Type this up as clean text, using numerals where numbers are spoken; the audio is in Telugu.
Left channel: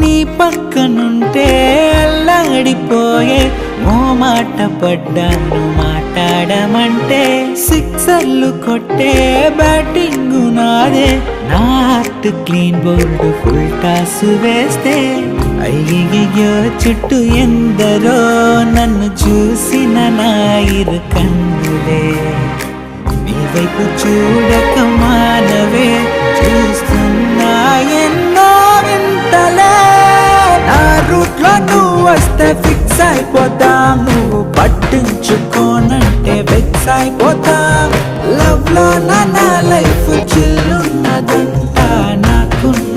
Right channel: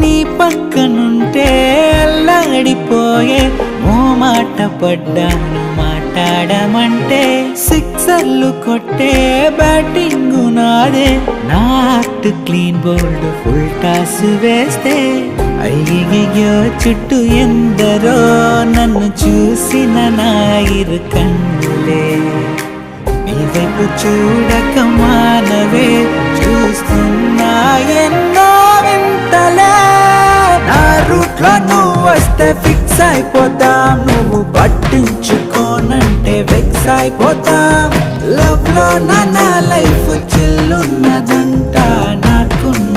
నీ పక్కనుంటే అల్లాడిపోయే ఓ మాట పడ్డాను మాట్లాడమంటే సిక్సర్లు కొట్టే బ్యాటింగ్ నాదే నా heart clean bold full toss వేస్తే అయ్యయ్యో చుట్టూ ఎందరో నన్ను చూసిన నా ఇరు కన్నులే నీ వైపు చూడక మానవే చూస్తున్నా ఎన్నో వింతలే నా రూట్ లో నువ్వు వస్తే ఫిక్స్ అయిపోతాం నువ్వు పట్టించుకోనంటే వెక్స్ అయిపోతాం లవ్ లో నా లైఫ్ చిల్లున్నదంట నాకున్న